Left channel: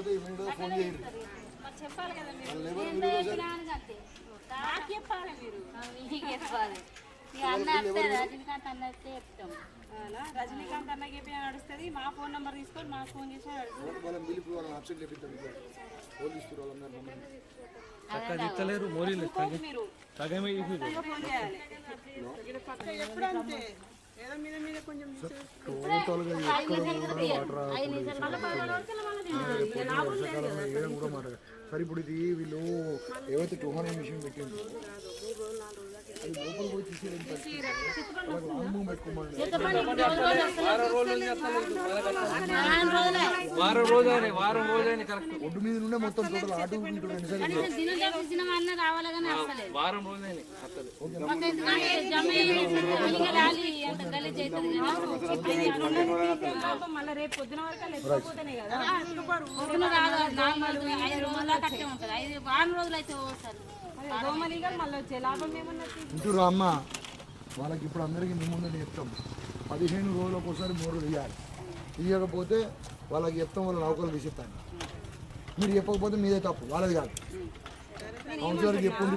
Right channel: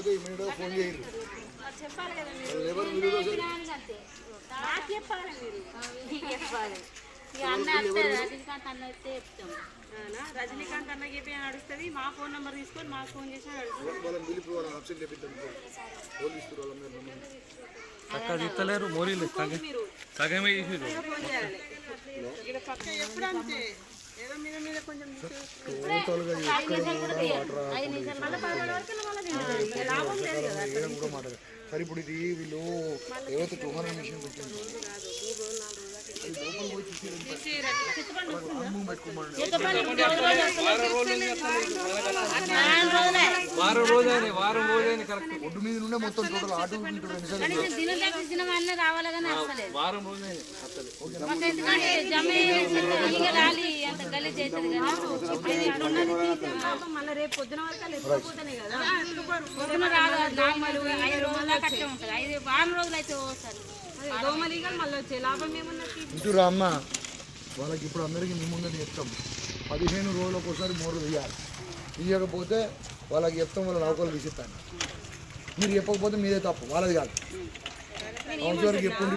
లేకపోతే ఇమీడియట్గా ఫోన్ చేయండి. చెప్పాలి కదా మీరు. రజనీకాంత్ అన్న వస్తే చెప్తాం. రజనీకాంత్ అన్నకి చెప్పి నడుస్తుంది. మా ఫోన్ నెంబర్ తీసుకొని మాకు ఫోన్ చేసి సరే ఇప్పుడు ఇది వీళ్ళు ఏవైతే 200 మిషన్ పెట్టింది ఒడ్డు మీద నుండే మొత్తం టోటల్ ఆటో వారం రోజులు మళ్ళీ రేపు పొద్దున వరకు లేకపోతేనే కదా పొద్దున రాదు. 5 రోజుల కట్టే ఉంటుంది. 5 రోజులు అయితే వస్తారు. దోమలీగలు మళ్ళీ వచ్చే లాభం ఏమున్నది? చూరా అమ్మ, వాళ్ళకి ఇప్పుడు అందరికీ మేము ముందు చెప్తాం 15 రోజులకు ఒకసారి మోరు తీయాలి. తీయకపోతే వాళ్ళకి చెప్తాం, వాళ్ళ నౌకలు తీసిస్తాను. మీరు చెప్పకపోతే మీదే తప్పు, వాళ్ళది కాదు.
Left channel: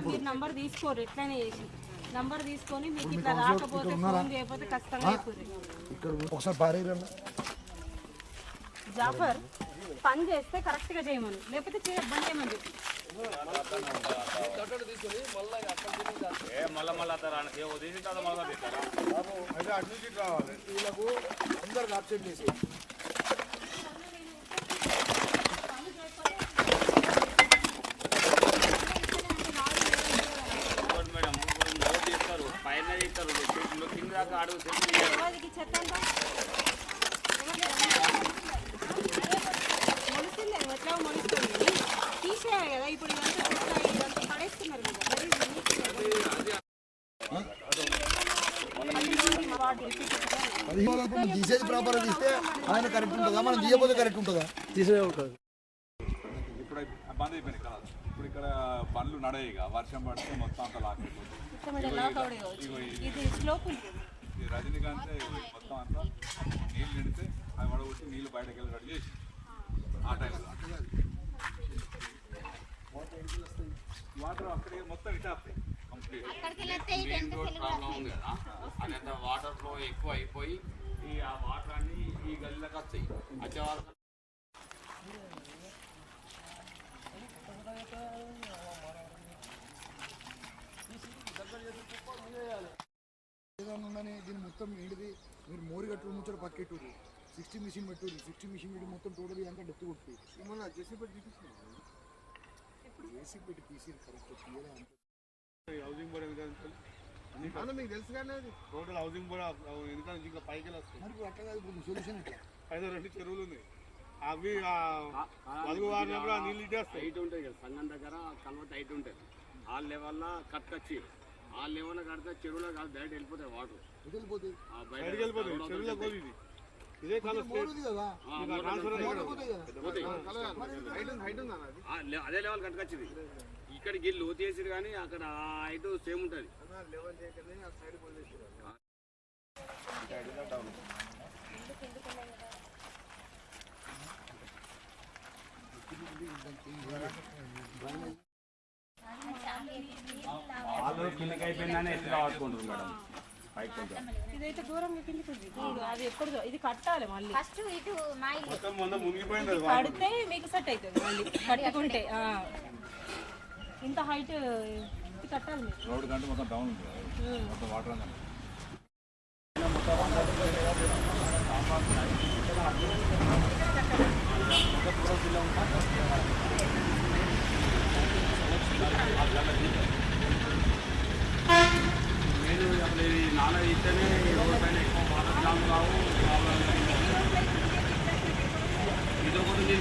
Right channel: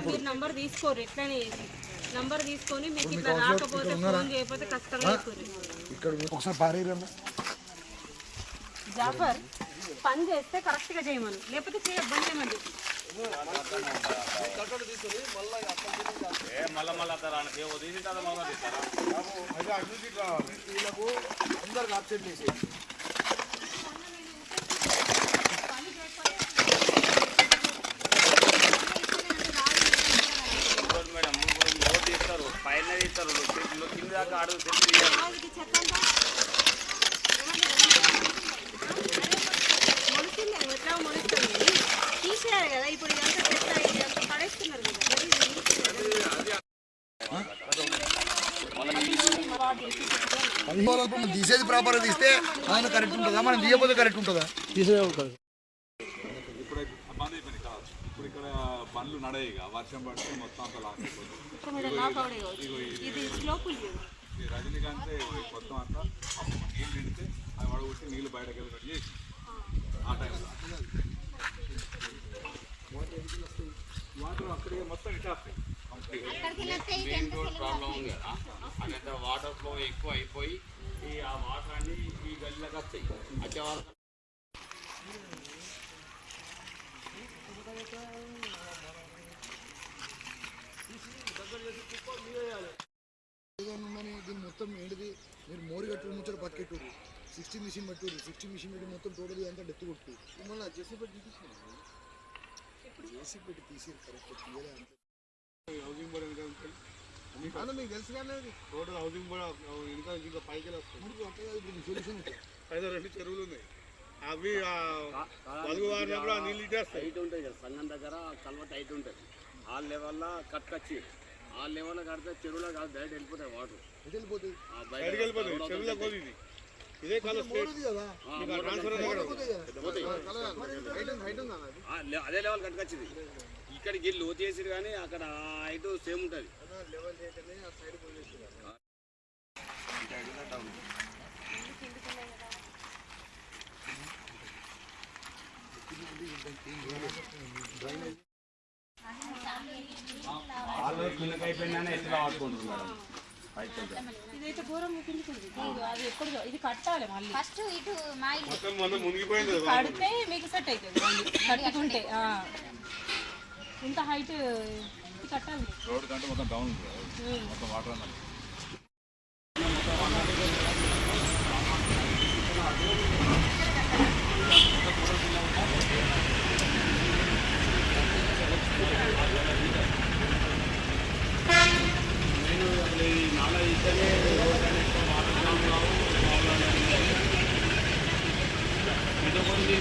మీరు నంబర్ తీసుకోరు, ఎట్లయినా నంబర్ తీసుకొని మీకు ఇట్లా రాకపోతే ఫోన్ చేయకపోతే కష్టంగా ఇక్కడ ఒకసారి పారేయమ్మా. జాఫర్ పని చేస్తే కరెక్ట్గా చేయమని, లేకపోతే చేయొద్దని చేయమని చెప్పి వీళ్ళకు అందరికి ఆప్షన్ చేసి పైన ఇస్తారు కింద దాకా అడుగు ఎట్లా మొలుస్తుంది తీసేయాలి కదా. ఇప్పుడు పడేస్తున్నారు కదా. తీసేది ప్రాపర్గా తీస్తే ఆయన కరెక్ట్ ఉంటుందా, మనం తీయకపోతే కరెక్ట్ ఉంటుందా? ఇప్పుడు బంద్ అయిపోయింది కదా. ఇప్పుడు ఇక్కడ బండ్లు నడేయగా వర్షం పడితే మొత్తం అంతా లాక్ అయిపోతుంది. రజనీకాంత్ మొత్తం అంతా నీళ్ళు నిండితే అది వడగొట్టి నీళ్ళు బయటకు వెళ్ళి రెడీ చేసి ఆ టైంలో వాటర్ అక్కడికి మొత్తం ఇటు వస్తాయి. ప్రాబ్లం ఉంది కదా, అదంతా వాటర్ ఫ్లో ఎక్కువ అయిపోయి ఆ వాటర్ అన్ని ఈ గల్లీలోకి వస్తాయి. వచ్చే వాటర్ దీన్ని మొత్తం ఏంటిది, మీరు మోరి కట్టు ముచ్చట పక్కెట్టూరు 60 మిషన్ పెట్టుర్రు. 60 మిషన్ పెట్టి మొత్తం టోటల్ అంతా డెత్తు కొట్టు. మళ్ళీ జెసి పెట్టి తీసి కరెక్ట్ తీయలే అంతే. హౌసింగ్ బోర్డ్ వెనకాల మీకు తెలుసు కానీ టోటల్ హౌసింగ్ బోర్డ్ ఇంకా పైకి వస్తుంది. మరి అట్లా కాదు, ఇప్పుడు సొల్యూషన్ పైన 2 చెరువులు ఉన్నాయి. అవి పలుగు వారినప్పుడు ఆ నీళ్ళు ఇటేస్తాయి. హైట్ ఉంటుంది కదా, సంఘం దగ్గర కల్వత హైట్ ఉంటుంది. ఆ లెవెల్లో కట్టుకొచ్చి ఆ లెవెల్లో కడితే చెరువులో కాదు డైరెక్ట్ వెళ్ళిపోతాయి వాటర్. వెళ్ళిపోతాయి ఇదే అదే లెవెల్ కట్టుకొచ్చింది. ఇక్కడికి లోతు చేసిరు కానీ అక్కడ హైట్ సేమ్ ఉంటుంది. అయిపోయిందని ఎట్లా వాడుకుంటారు మేడం. ఇదైతే ఘోరంగా కిందికి అది ఎప్పుడు ఇది కట్టాలి మళ్ళీ ఫస్ట్ ఇటు మునిగిపోయింది. కడితే మీకు సెట్ అవుతుంది మళ్ళీ కట్టుకుంటే. ఇంత హైట్ కట్టాలి రోడ్ కంటే మొత్తం డౌన్ ఉంది, మొత్తం వాటర్ అన్నది. నేను అసలు ఈ నాల ఇస్తేనే రోడ్ పైన ఎక్కువ వాటర్ జామ్ కావు, ప్రాబ్లం ఇది ఒకటి.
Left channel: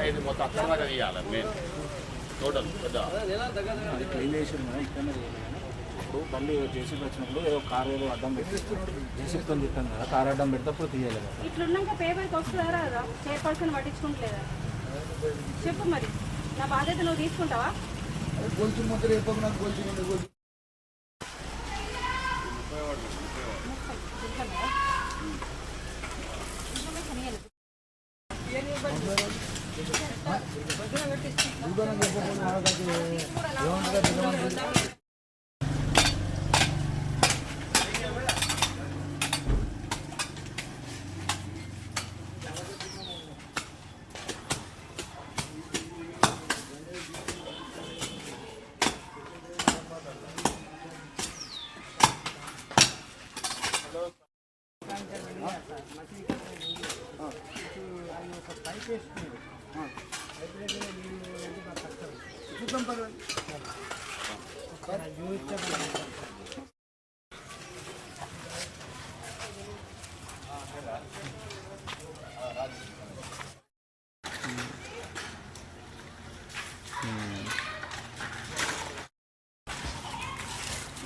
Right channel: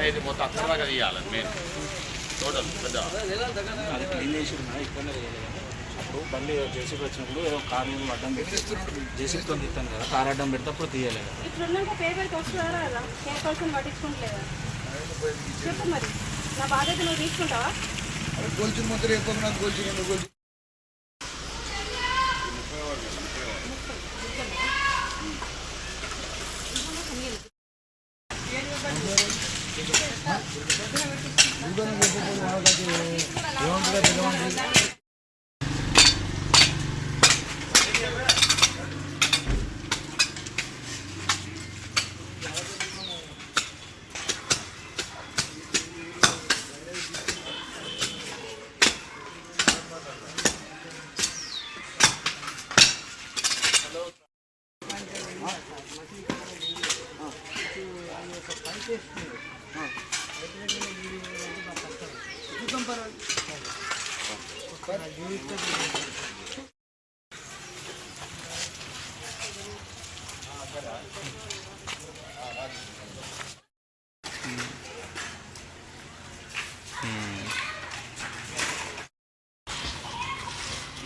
మన ఇది మొత్తం అక్కడ తీయాలి మెయిన్ టోటల్ పెద్ద అది క్లీన్ చేసి ఇక్కడనే అప్పుడు తల్లి జేసీబీ వచ్చినప్పుడు ఏదో కార్ ఏదో అడ్డం పెట్టి జేసీబీతో తీస్తాను కదా, కార్ అడ్డం పెడితే అప్పుడు తీయలేదు. ఇట్లున్నాక పేపర్కి వస్తున్నారా కదా, పేపర్స్ని పట్టించుకుంటలేదా? చెప్పు మరి, నా బాధ్యత నువ్వు తీసుకుంటావా? గోల్చిన మొత్తం ఎప్పుడు నాకు గోల్చి రెండు గోల్చి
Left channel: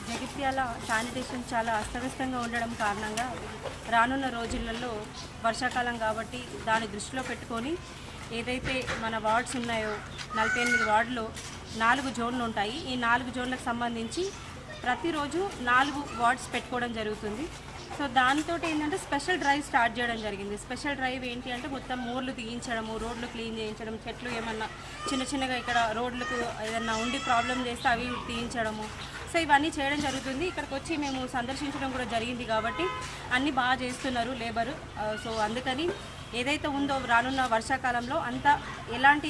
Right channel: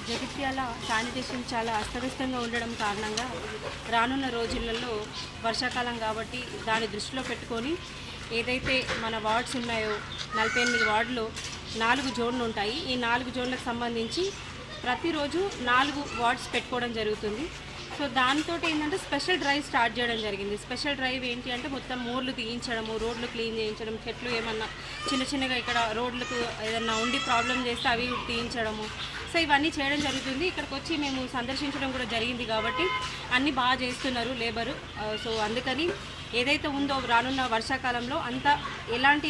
జగిత్యాల శానిటేషన్ చాలా అస్తవ్యస్తంగా ఉండడం కారణంగా రానున్న రోజులలో వర్షాకాలం కాబట్టి దాన్ని దృష్టిలో పెట్టుకొని ఏదైతే మన వార్డ్స్ ఉన్నాయో 48 వార్డులో 4 జోన్లు ఉంటాయి. ఈ 4 జోన్లకు సంబంధించి ప్రతిరోజు 4 వార్డ్స్ పెట్టుకోవడం జరుగుతుంది. సో దాంతో ఏంటంటే స్పెషల్ డ్రైవ్ స్టార్ట్ చేయడం జరిగింది. స్పెషల్ డ్రైవ్ ఏంటి అంటే మొత్తం మోర్లు తీయించడము, రోడ్లు క్లీన్ చేయించడం, చెట్లు ఏమన్నా చిన్నగా ఇక్కడ రోడ్లకు ఏదన్నా ఉండి ప్రాబ్లం చేస్తే అవి తీయించడము. సో ఇవన్నీ చేయడం జరుగుతుంది. ఇక్కడికి వచ్చి మేము సందర్శించడం కూడా జరిగింది కాబట్టి అన్నీ బాగా చేస్తున్నారు లేబరు. సో అందుకని ఏదైతే ఉందో రానున్న వర్షాకాలంలో అంతా ఎలాంటి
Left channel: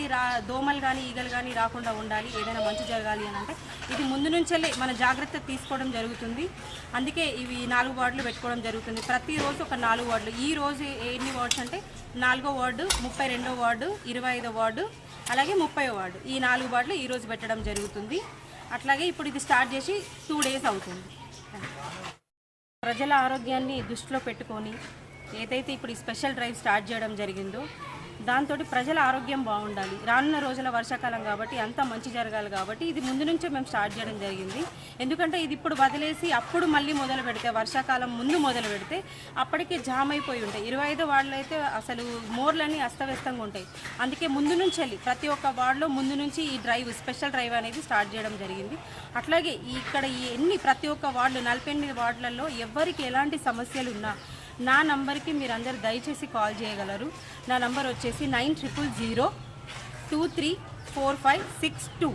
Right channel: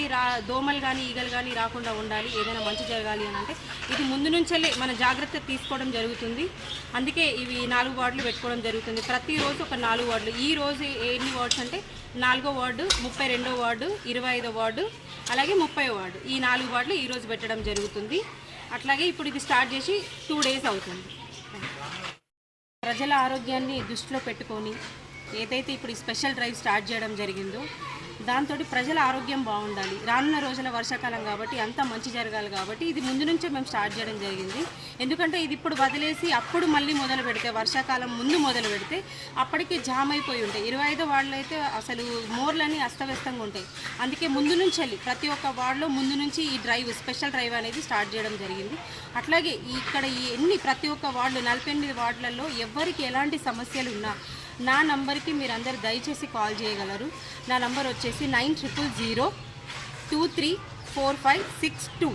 దోమలు కానీ ఈగలు కానీ రాకుండా ఉండాలి, ఏదైనా మంచి జరగాలి అని అంటే ఇది ముందు నుంచే మన జాగ్రత్త తీసుకోవడం జరుగుతుంది. అందుకే ఇవి 4 వార్డులు పెట్టుకోవడం జరుగుతుంది. ప్రతిరోజు ఒక 4 వార్డులు. ఈ రోజు ఎన్ని వార్డ్స్ అంటే 4వ వార్డు, 32వ వార్డు, 25వ వార్డు, అలాగే 30వ వార్డు. ఈ 4 వార్డులు ఈరోజు పెట్టడం జరుగుతుంది. అట్లాగే ఇప్పుడు ఇది స్టార్ట్ చేసి 2 డేస్ అవుతుంది. ప్రజల ఆరోగ్యాన్ని దృష్టిలో పెట్టుకొని ఏదైతే ఇప్పుడు ఈ స్పెషల్ డ్రైవ్ స్టార్ట్ చేయడం జరిగిందో దాంతో ప్రజల ఆరోగ్యం బాగుండాలి. రానున్న రోజుల వర్షాకాలం కాబట్టి అంతా మంచి జరగాలి కాబట్టి ఇది ముందు నుంచే మేము స్టార్ట్ చేయడం జరిగింది. ఎందుకంటే ఇది ఇప్పుడు వదిలేసి అప్పుడు మళ్ళీ మొదలు పెడితే వర్షాకాలం ముందు మొదలు పెడితే అప్పటికి జామ్ అయిపోయి ఉంటాయి. 25 వార్డులు అయితే అసలు మోర్లన్నీ అస్తవ్యస్తంగా ఉంటాయి. అందుకే ముందు నుంచి వెళ్ళి ప్రతి ఒక్క వార్డులో ముందు నుంచి ఈ డ్రైవ్ స్పెషల్ డ్రైవ్ అనేది స్టార్ట్ చేయడం జరిగింది. అట్లాగే ఇక్కడ ప్రతి ఒక్క వార్డులు 48 వార్డులలో ఎవరికి ఎలాంటి సమస్యలు ఉన్నా నా నంబర్కి మీరందరూ దయచేసి కాల్ చేయగలరు. నా నంబర్ వచ్చేసి 9000234562.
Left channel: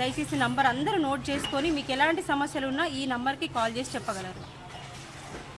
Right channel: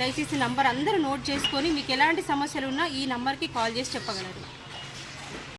దయచేసి నంబర్ అందరూ నోట్ చేసుకొని మీకు ఎలాంటి సమస్యలు ఉన్నా ఈ నంబర్కి కాల్ చేసి చెప్పగలరు.